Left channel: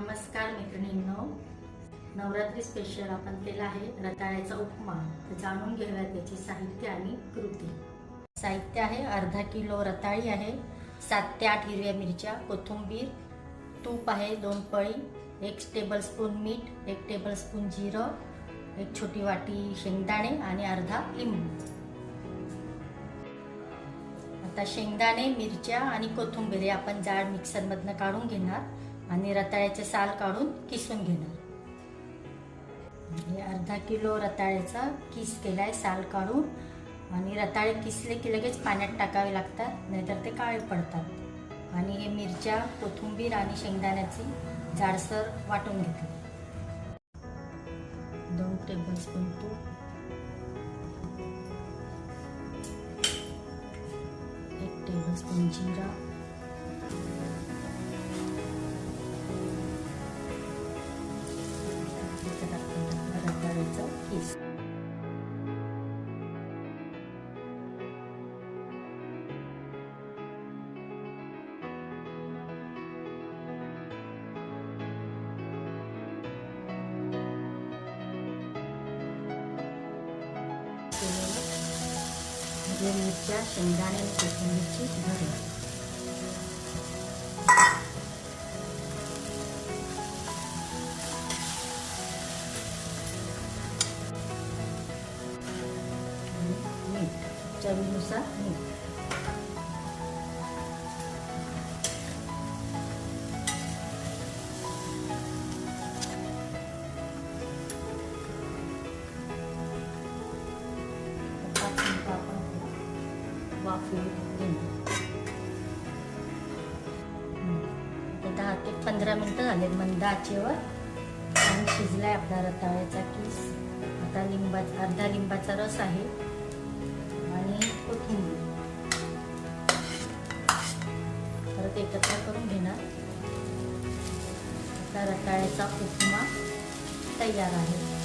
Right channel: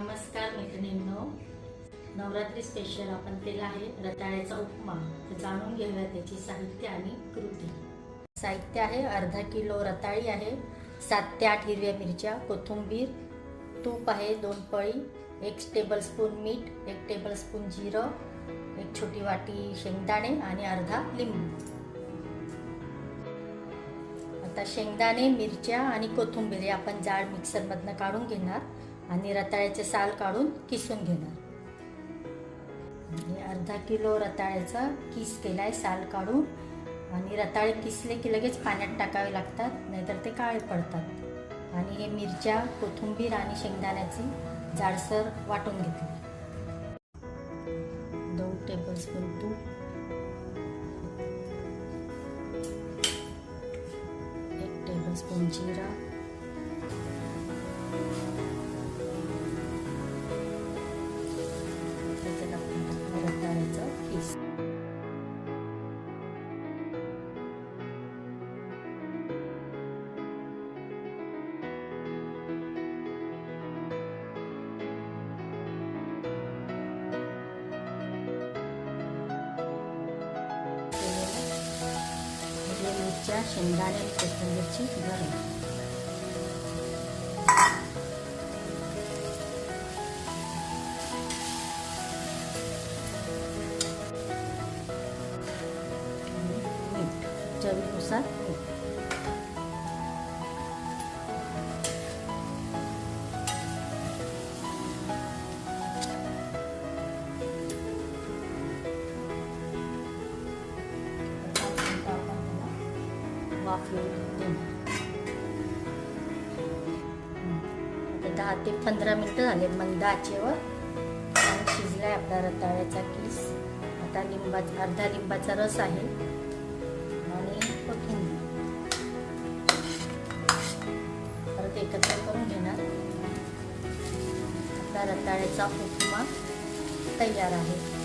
नमस्कार मैत्रिणींनो, नवरात्री स्पेशल आपण केला आहे रताळ्याचा उपमा. तर जाणून घेऊया त्याची साहित्य आणि कृती. साहित्य आहे अर्धा किलो रताळी आहे, 7 ते 8 हिरव्या मिरच्या, कोथिंबीर, तूप आहे 2 पळी, 1 टेबलस्पून मीठ, 1 टेबलस्पून जिरं, 1 छोटी वाटी शेंगदाणे आणि अर्धा लिंबू. आता शेंगदाणे, मिरच्या आणि कोथिंबीर हे आपण जाड मिक्सरमधनं काढून घेणार आणि रताळ्याचे साल काढून किसून घेणार. अर्धा किलो रताळ्याचा किस केलाय साल काढून. आणि रताळे किसले की लगेच पाण्यात टाकावे लागतात, नाहीतर ते काळे पडतात. आणि हे मिरच्या, कोथिंबीर आणि शेंगदाण्याची जाडसर वाटून घेतली. 2 टेबलस्पून तूप, 1 टेबलस्पून जिरा, रताळ्याचा किस, हिरव्या मिरच्या, शेंगदाणे, कोथिंबीरची भरणी. चवीनुसार मीठ. वाफ येऊ देणार. 10 ते 15 मिनिटं झालेत मंद आचेवर. शिजलाय आपला रताळ्याचा किस. आता अर्धा लिंबाचा रस आहे आणि कोथिंबीर परत एकत्र करून घेणार. आपला रताळ्याचा उपमा तयार आहे.